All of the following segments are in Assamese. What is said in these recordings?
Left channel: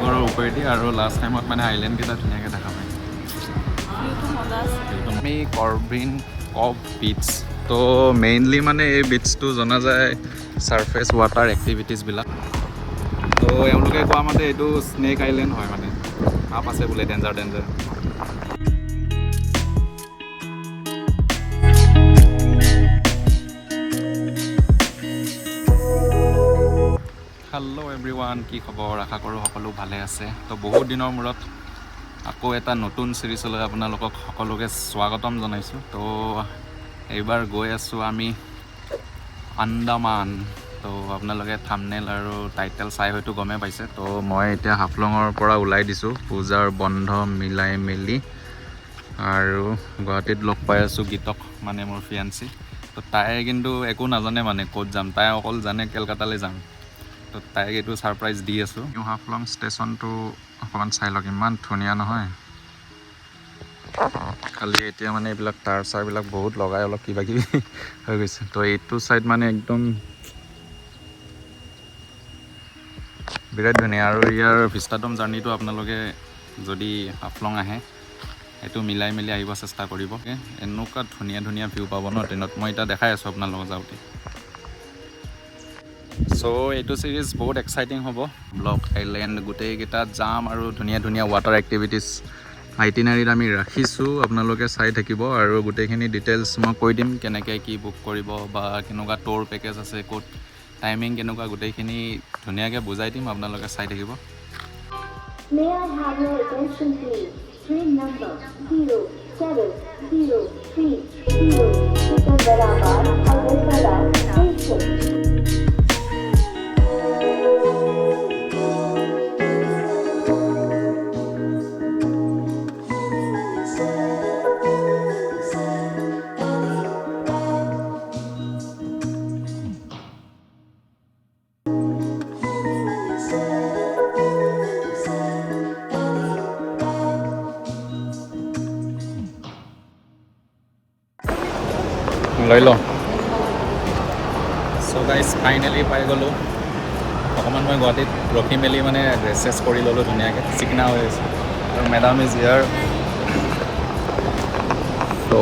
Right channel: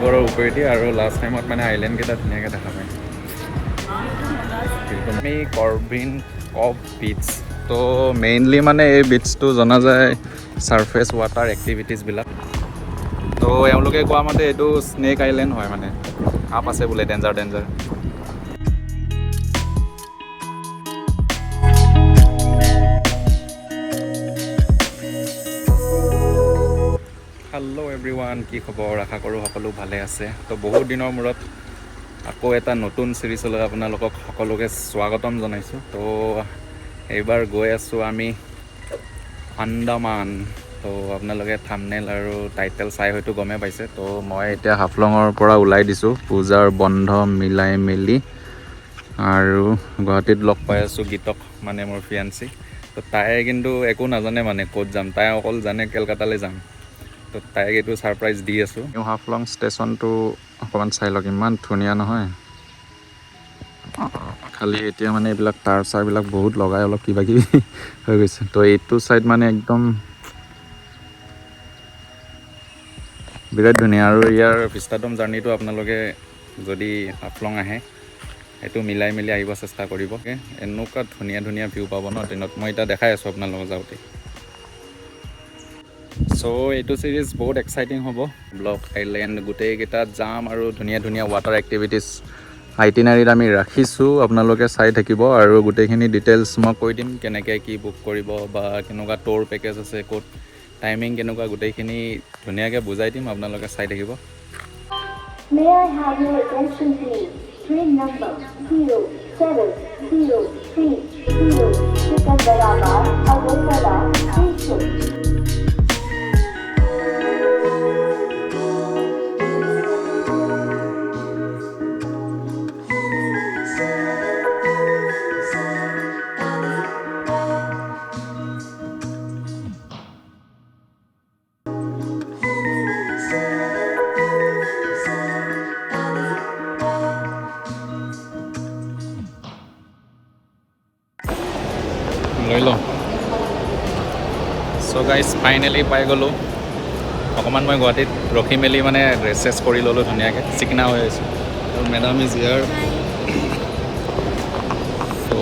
সাগৰৰ ওপৰেদি আৰু লাষ্ট টাইমত মানে আইলেণ্ডকেইটা ধুনীয়াকৈ দেখা পায়। আমি কৰ্বিন কব বিচ, তো মেইনলি মানে এই বিচটো জনা যায় ছাৰফেচ ৱাটাৰ এক্টিভিটিছবিলাক। তো এওঁলোকে কোৱা মতে এইটো স্নেক আইলেণ্ড হয়, মানে সাপ আছে বোলে ডেঞ্জাৰ। হেল্ল' এভৰিৱান, কি খবৰ? আশা কৰোঁ সকলো ভালে আছে। তো বহুত দিনৰ মূৰত আকৌ এটা নতুন চিৰিজলৈ আপোনালোকক সকলোকে স্বাগতম জনাইছোঁ। তো এইবাৰ গৈ আছোঁ আমি আন্দামান। তো আপোনালোকে থাম্বনেইল আৰু টাইটেল চাই হয়তো গমেই পাইছে। তো মই এতিয়া হাফলঙৰ পৰা ওলাই দিছোঁ পূজাৰ বন্ধ মিলাই মেলি, আৰু গুৱাহাটীত লগ পাই আছোঁ গীতক, মানে মোৰ ফিয়ান্সি। তো তাই কিন্তু একো নাজানে মানে ক'ত যাম, তাই অকল জানে কেলকাতালৈ যাম। তো তাইক এইটো ছাৰপ্ৰাইজ দি আছোঁ। নিউ হাফলং ষ্টেচনটো অকণমান চাই লওক, ইমান ধুনীয়া নহয়? খালি এতিয়া মানে এইবিলাক তাঁৰ চাৰবিলাক বহুত লগাই অলপ কিবা কিবি হৈ গৈছে। তো এইটো ছাইড মানে একদম বিৰাট ধুনীয়া। আৰু ইয়াৰ ভিষ্টাডম জাৰ্ণিটো আপোনালোকে যদি হাফলং আহে সেইটো মিলাই মেলি আহিব চেষ্টা কৰিব। এনেকুৱা ধুনীয়া ভিউ পাব ন ট্ৰেইনত, মই এতিয়া দেখাই আছোঁ আপোনালোকক যাওঁতে। চ' এইটো ছিৰিজ বহুত এক্সাইটিং হ'ব। ব্লক আইলেণ্ড গোটেইকেইটাত যাম আৰু ধুনীয়া ৱাটাৰ এক্টিভিটিছ আইটিনাৰীত আমি ৰাখিছোঁ, আপোনালোকে চাই থাকিব। আৰু গোটেইখিনি ডিটেইলছ মই কৈ দিম, কেনেকৈ কি বুক কৰিব বা কেনেকুৱা ট'ৰ পেকেজ আছে, ক'ত টাইমিং কেনেকুৱা, গোটেইখিনি ধুনীয়াকৈ বুজাই দিম, আপোনালোকে চাই থাকিব। May I have your attention please? Train number 0703 Secunderabad Agartala Station. লৈ লওঁ। চ' গাইজ ফাইনেলি পাই গ'লোঁ। অকণমান মই গুৱাহাটীত ৰখি মেলি মানে ড্ৰেছ চেছ কৰি ল'লোঁ ধুনীয়াকৈ, চিকনা হৈ আছে। আৰু মেডাম ইজ হিয়াৰ। তো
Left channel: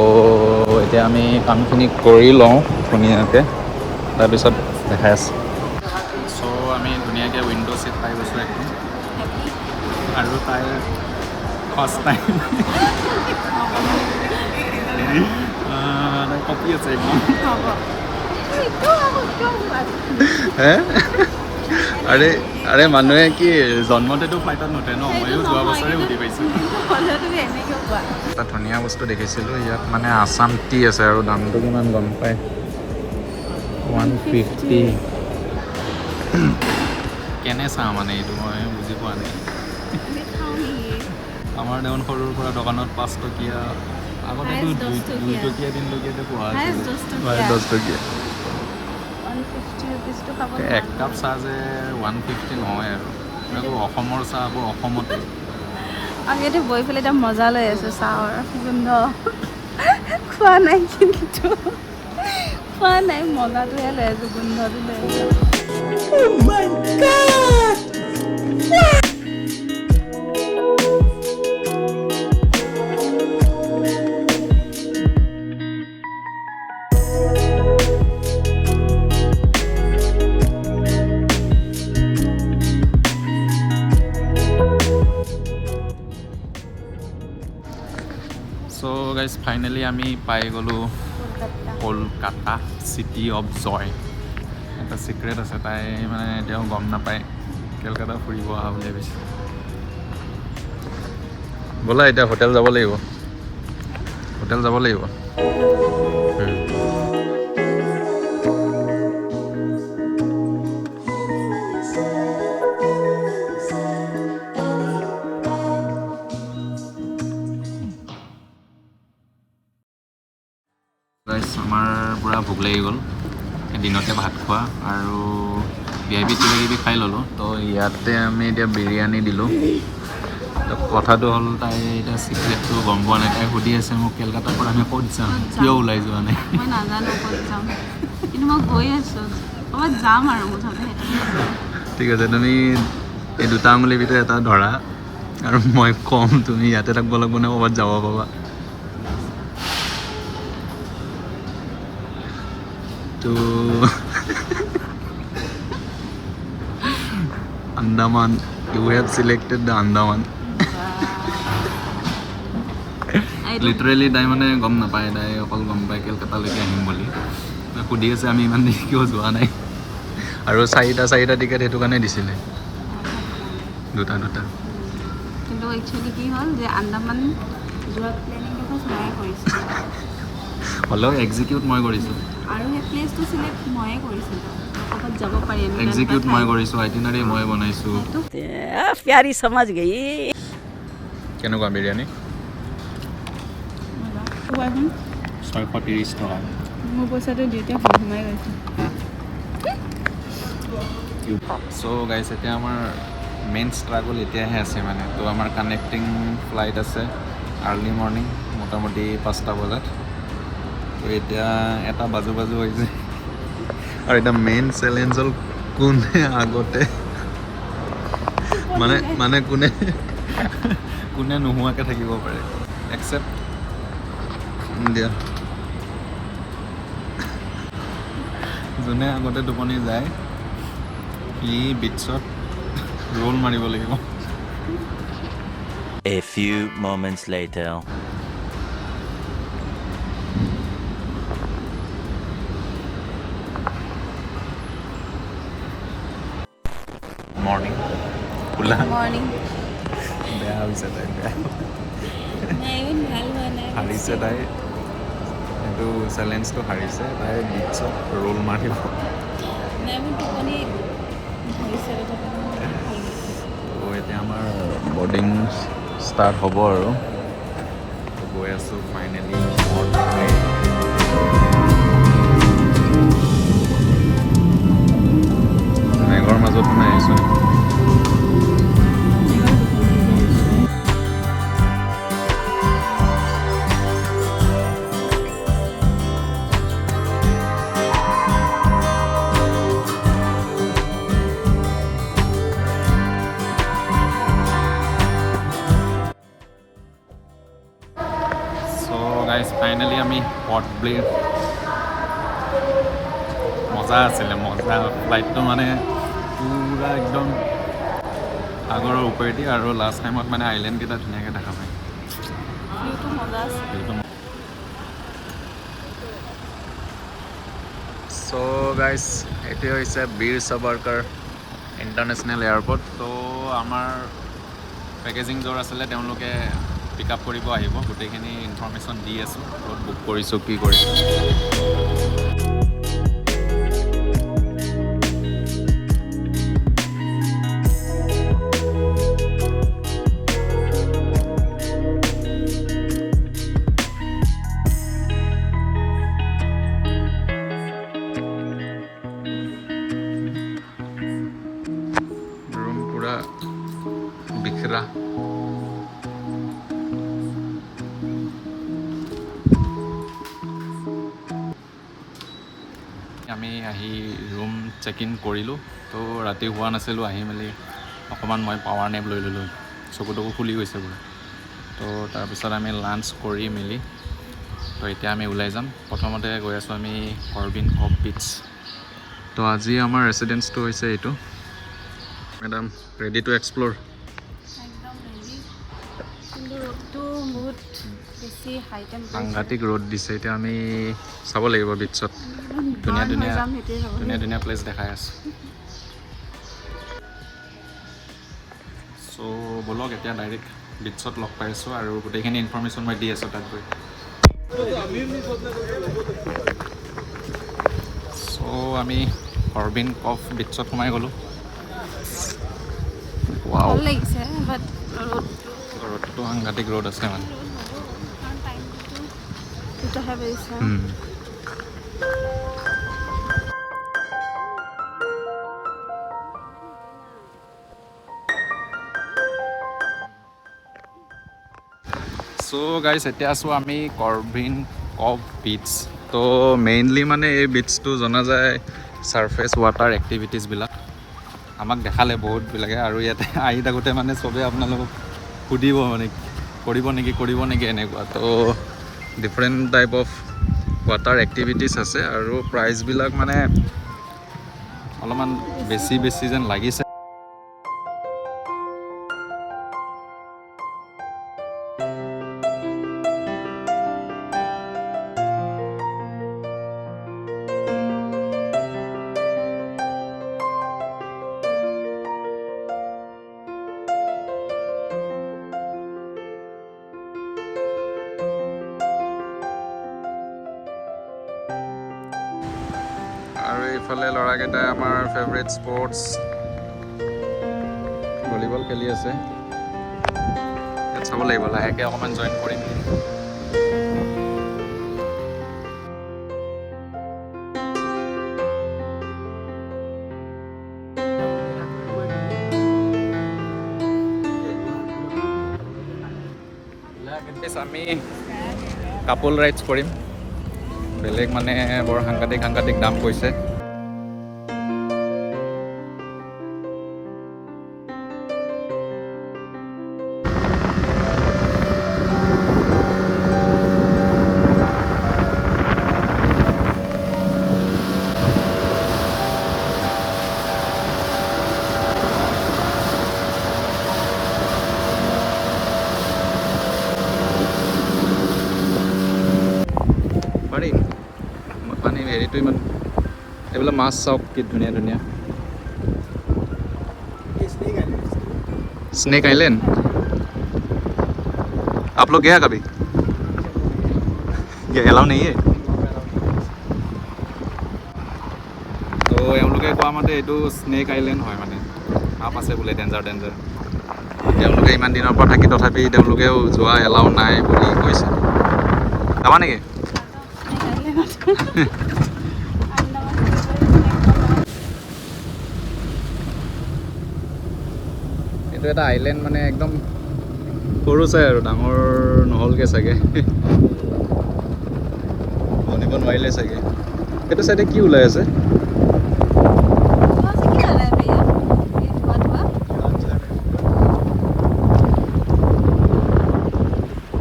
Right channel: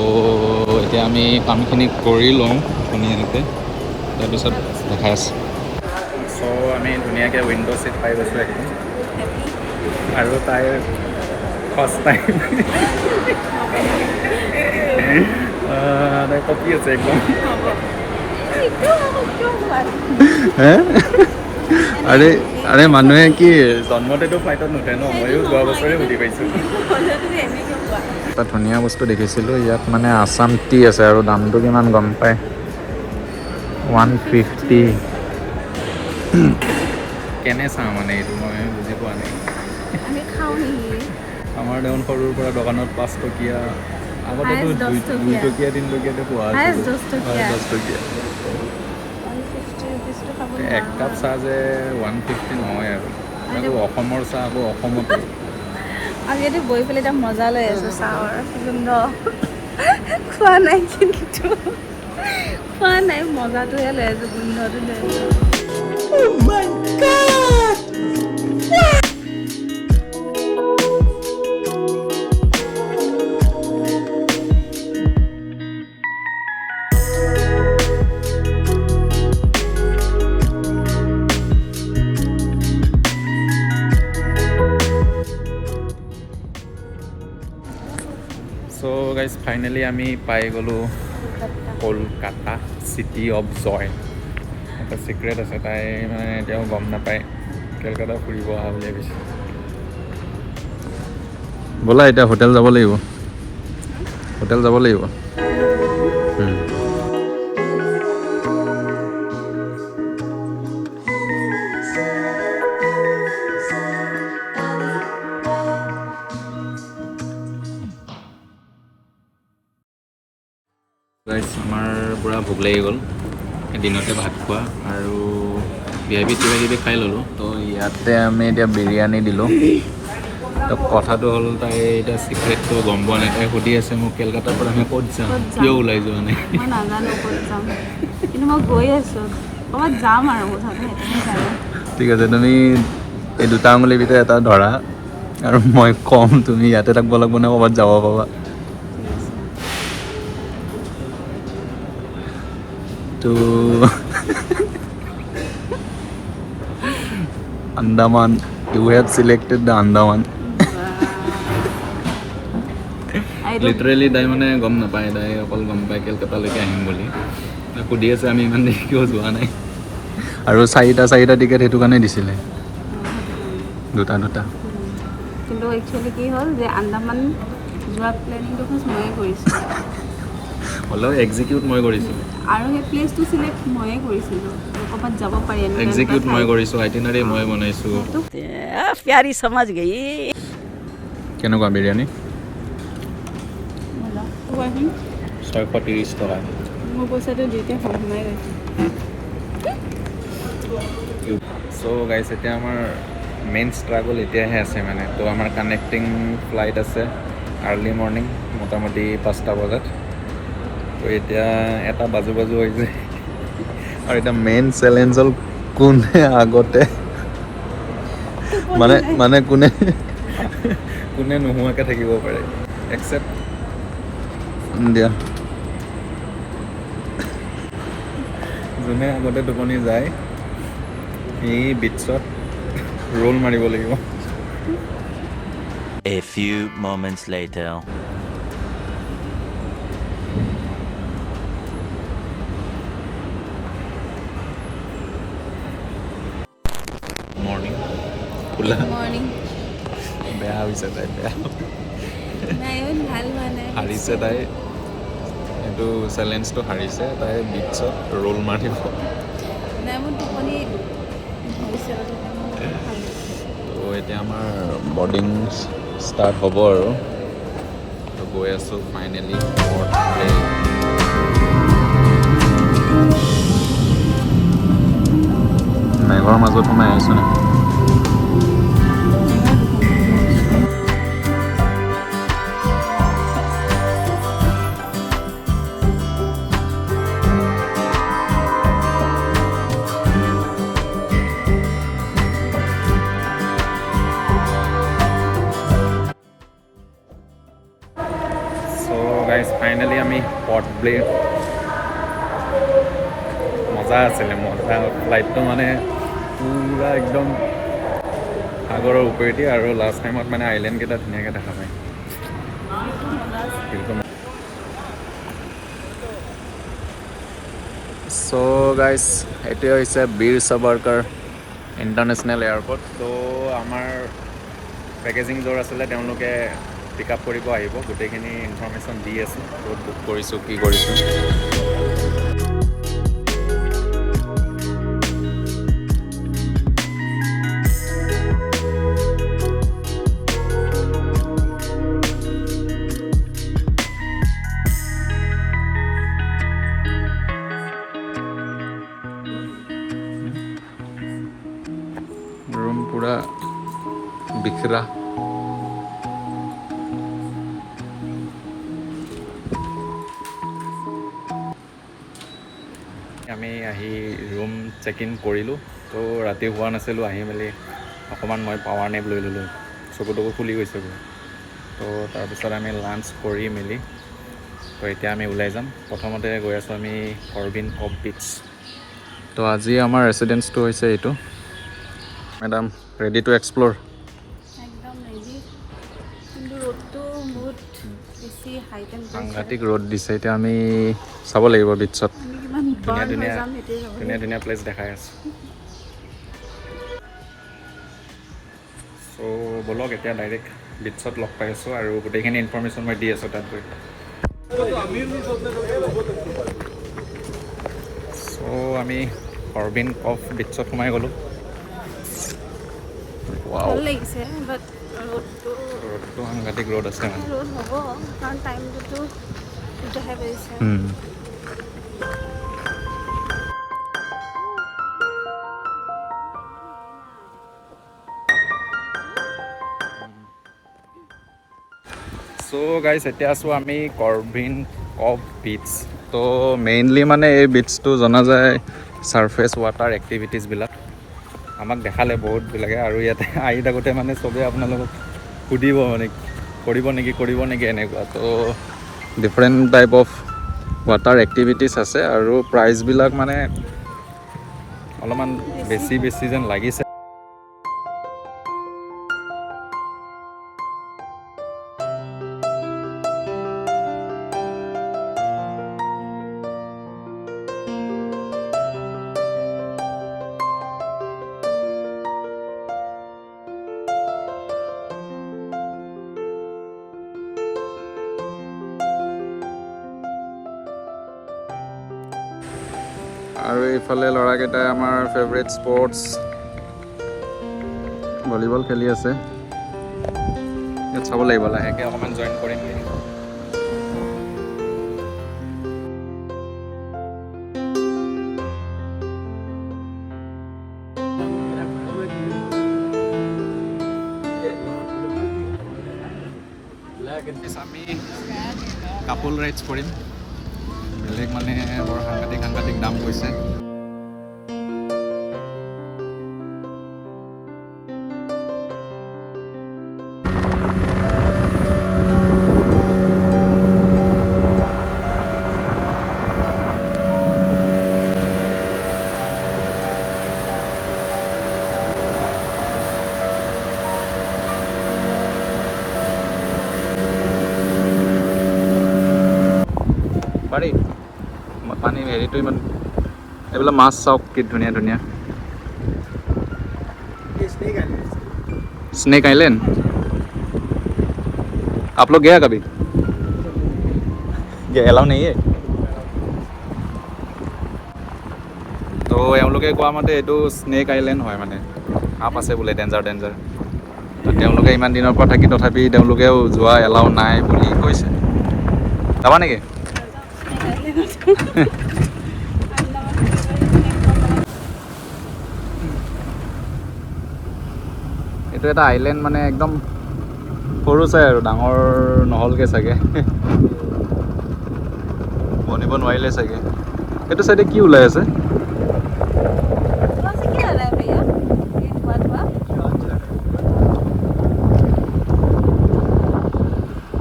এতিয়া আমি কামখিনি কৰি লওঁ ধুনীয়াকৈ, তাৰপিছত দেখাই আছোঁ। চ' আমি ধুনীয়াকৈ উইণ্ড' ছিট পাই গৈছোঁ একদম। আৰু তাইৰ ফাৰ্ষ্ট টাইম তাই কপি আছে একদম। আৰে মানুহে কি জন্মতেতো ফ্লাইটত নুঠে ন? ময়ো যোৱা বছৰে উঠি পাইছোঁ। এটা ধুনীয়া বস্তু দেখিছিলোঁ ইয়াত, মানে আছাম টি আছে, আৰু দামটো কিমান গম পায়? 150। কেনে চাওঁ মানে এইটো মই বুজি পোৱা নাই। আমাৰ দেখোন সৰুৰ পৰা দোকানত 5 টকীয়া, আগতেতো 2 টকীয়া 3 টকীয়াতে পোৱা আছিল। 10 টকীয়া। এক কাপ চাহ যে 150 নহয় আৰু। আকৌ অসমৰ চাহ আকৌ অসমতে। অলৰেডি বহি পেলাই এতিয়া মজা লৈ আছোঁ চাহৰ গোন্ধ। খোৱা নাই, কিন্তু খোৱা নাই, মজাটোহে লৈ আছোঁ, গোন্ধটো লৈ আছোঁ। Oh my God! So' guys finally আমি পাই গ'লোঁ কলকাতা চিটি অফ জয়। এটা চিক্ৰেট আছে, তাই মানে এতিয়াও গম নাপায় কেলকাতা ফুৰিব অহা বুলি ভাবিছে। ব'লা এতিয়া হোটেল যাব লাগিব, হোটেল যাব লাগিব। আমাৰ পূৰা ভোক লাগি গ'ল, দিনতে ভাত খোৱা আৰু কিবা কিবি খাই ল'লোঁ। তো ইয়াতে আমি এতিয়া বিৰিয়ানী দিলোঁ। তো কথাটো হ'ল, তাই এতিয়া চিক্ৰেটটো গম পোৱা নাই। তাই সুধি আছে মোক, কেলকাতাৰ পৰা আমি ক'ত যাম, কিয় ওলাই যোৱা নাই? মই নাজানো ক'ত যাম, কিন্তু মই গৈ আছোঁ ক'ৰবাত যাম আৰু মুঠতে। ঠিক আছে, তুমি এই দুটা আঙুলিৰ ভিতৰত এটা ধৰা আৰু মই কম তুমি ইয়াতে থাকিব লাগিব নে ক'ৰবাত যাব পাবা তো Andaman you have selected the Andaman literally তাই মানে গম নাপায় তাই অকল গম পায় কেলকাতালৈকে আহিম বুলি সুধি আছে আমি ইমান দেৰি কিয় যোৱা নাই আৰু চাৰিটা টিকেট সেইটো কাৰণে দিছিলে দুটা কিন্তু একচুৱেলি কি হ'ল যে আন্দামান যোৱা প্লেনিংটো ফাৰ্ষ্ট ময়ে কৰিছিলোঁ হ'লেও এক্সিকিউট মই কৰিছোঁ আৰু সেই প্লেচটো চিলেক্ট ময়ে কৰিছিলোঁ ক'ৰবাত যাব পাৰি এক্সিকিউট মই কৰিছোঁ আইটিনাৰী মই বনাইছোঁ प्यारी समझ गई কেনেকুৱা বিৰিয়ানী 630 টকা মোৰ পইচাটো দিওঁতে সোমাই গৈছে চ' গাইছ এতিয়া আমাৰ মেইন ষ্ট্ৰাগল এতিয়াহে আছে মানে তো আমাৰ কানেক্টিং ফ্লাইট আছে আৰ্লি মৰ্ণিং মোটামুটি 5টা বজাত তো এতিয়া এটা বাজু হৈছে আৰু এতিয়া মেইন চেলেঞ্জ হ'ল কোনে আগতে মানে কোনে নোহোৱাকৈ থাকিব পাৰে একচেপ্ট দিয়া যোনে আগতে টোপনি যায় এই বিটছত ৰোল মাৰিব লাগিব A few moments later. Morning খোলা মৰ্ণিং বেয়া হৈছে তাই বেয়া নাই ইমান ভাল হোৱা নাই হাৰিছে তাই এইটো চেলেঞ্জটো হাৰিছে তাই বিটছত ৰোল মাৰিব নাই মোৰ টোপনি হৈছে তো এতিয়া আমাৰ বৰ্ডিং ষ্টাৰ্ট হ'ব আৰু তো গৈ আছোঁ ফাইনেলি পৰ্ট প্লেন মেঘৰ মাজত সোমাই আহিছোঁ গাইজ ফাইনেলি আমি পৰ্ট ব্লেৰ মজা আছিলে মজা ফ্লাইটটো মানে পূৰা একদম সাগৰৰ ওপৰেদি আৰু লাষ্ট টাইমত মানে আইলেণ্ডকেইটা ধুনীয়াকৈ দেখা পায় চ' গাইজ এইটোৱে হৈছে বীৰ সাভাৰকাৰ ইণ্টাৰনেশ্যনেল এয়াৰপৰ্ট তো আমাৰ পেকেজিং য'ৰ আছিলে তেওঁলোকে পিক আপ কৰিব আহিব গোটেইখিনি ইনফৰ্মেশ্যন দি আছোঁ ক'ত বুক কৰিছোঁ কি কৰিছোঁ ৰুম পূৰা বিখৰা আমি আহি ৰুম চেক ইন কৰিলোঁ তো ৰাতি হোৱা নাছিলোঁ আহি মেলি অকণমান মই পাৱাৰ নেপ লৈ ল'লোঁ চকু খুলি গৈছে পুৰা তো তাৰপিছত আমি লাঞ্চ কৰি মেলি তো এতিয়া আমি ওলাই যাম প্ৰথমতে গৈ আছোঁ আমি হৰবিন কফ বিচ তো আজি আমাৰ ৰেচিডেঞ্চটো হৈছে এইটো মেডাম ৰেডি টু এক্সপ্ল'ৰ একদম ৰেডি ৰ'দটো বহুত বেছি হাই সাংঘাতিক ৰ'দ দিছে এতিয়া আমি চাব লাগিব বিচত ধুনীয়া ধুনীয়া প্লেচ দেখাই আছে চ' ব'লক এতিয়া ডাইৰেক্ট বিচত লগ পাই আছোঁ আৰু গোটেইখিনি ইনফৰ্মেশ্যন মই দি আছোঁ তাত গৈ চ' আমি হৰবিন কফ বিচত সোমাই গ'লোঁ ভাল লাগিছে বাট ৰ'দটো সাংঘাতিক ৰ'দ আছে মানে ৰ'দ হ'ব কাৰণ টাইমটোতো তেতিয়াহে বেছি চ' গাইজ এতিয়া আছোঁ আমি হৰবিন কফ বিচ তো মেইনলি মানে এই বিচটো জনা যায় ছাৰফেচ ৱাটাৰ এক্টিভিটিছবিলাক আমাক দেখালে বহুতবিলাকে আৰু ইয়াতে আহি থাকোঁতে মানে চবেই আপোনালোকক সুধিব মানে কৰিব নেকি এনেকুৱা তো different type of water activities আছে আৰু প্ৰাইচবিলাক মানে অলপমান বেছি যেন লাগিছে। আৰু এইফালে ল'ৰাকেইটাই আমাৰ ফেভৰেট স্পৰ্টছ ভলীবল খেলি আছে। ইয়াত চাব লাগিব, লাহেকৈ অকণমান জইন কৰিম। আমি কাপল ৰাইডছ কৰিম। বেলেগ মানে বৰ সাংঘাতিক দাম কৈছে। পাৰি পানী হেৰিটো ইমান এইবিলাক মাছ চাওক কি ধুনীয়া स्नेक आइलैंड। आप लोग गया कभी? ये एलाउ नहीं है। তো এওঁলোকে কোৱা মতে এইটো স্নেক আইলেণ্ড হয়, মানে সাপ আছে বোলে ডেঞ্জাৰ। তেওঁলোকে ইমান দিনৰ পৰা থাকি তথাপি তেওঁলোকেও যোৱা এলাউ নাই বুলি কৈছে। যাবা নেকি? এইটো এটা আইলেণ্ড, মানে একদম সৰু চাই আৰু ডাঙৰ নহ'লগৈ চাগে, বনিব নোৱাৰিলে চাগে। এইটো চাইডে কি ওলাই আছে?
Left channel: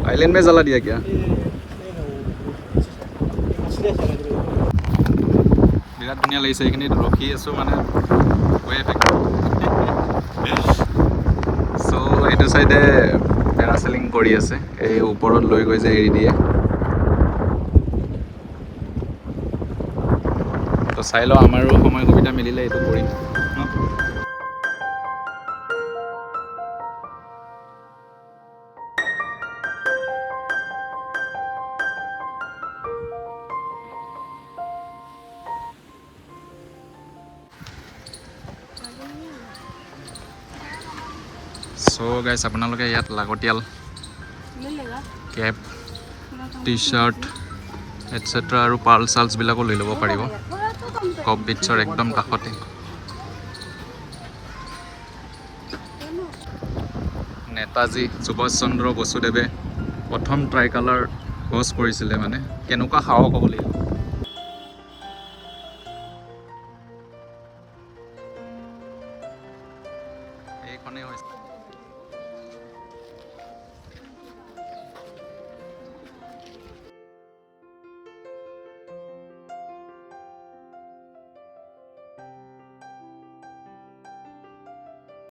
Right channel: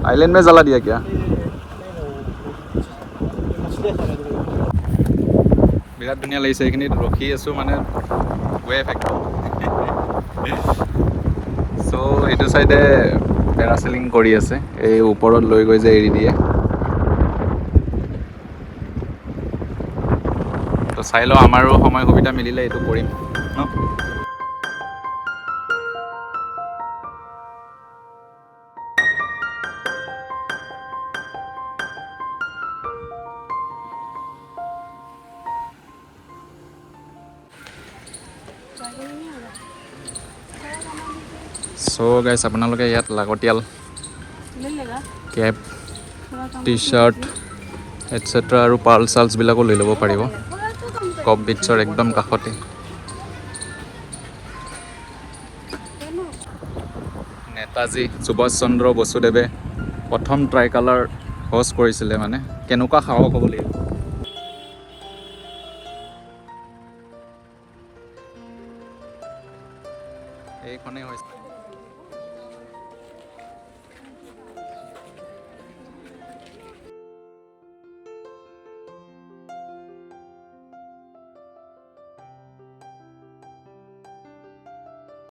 आइलैंड में जला दिया क्या? বিৰাট ধুনীয়া লাগিছে। এইখিনিত ৰখি আছোঁ মানে ৱেভ একদম। চ' এইটো চাইডে পেৰাচেলিং কৰি আছে, এই ওপৰত লৈ গৈ যে এৰি দিয়ে। তো চাই লওঁ, আমাৰো সময় সুবিধা মিলিলে এইটো কৰিম ন। চ' গাইছ, আপোনালোকে ইয়াত লাগতিয়াল কেপ, টি চাৰ্ট এটচেট্ৰা আৰু পাৰ্লছবিলাকো লৈ ল'ব পাৰিব। কপ বিটছৰ একদম কাষতে। নেতাজী সুভাষ চন্দ্ৰ বসুদেৱে প্ৰথম ট্ৰাই কালাৰ হোষ্ট কৰিছিলে, মানে কেনেকুৱা সাহস হ'ব লাগিব। এইখনেই হৈছে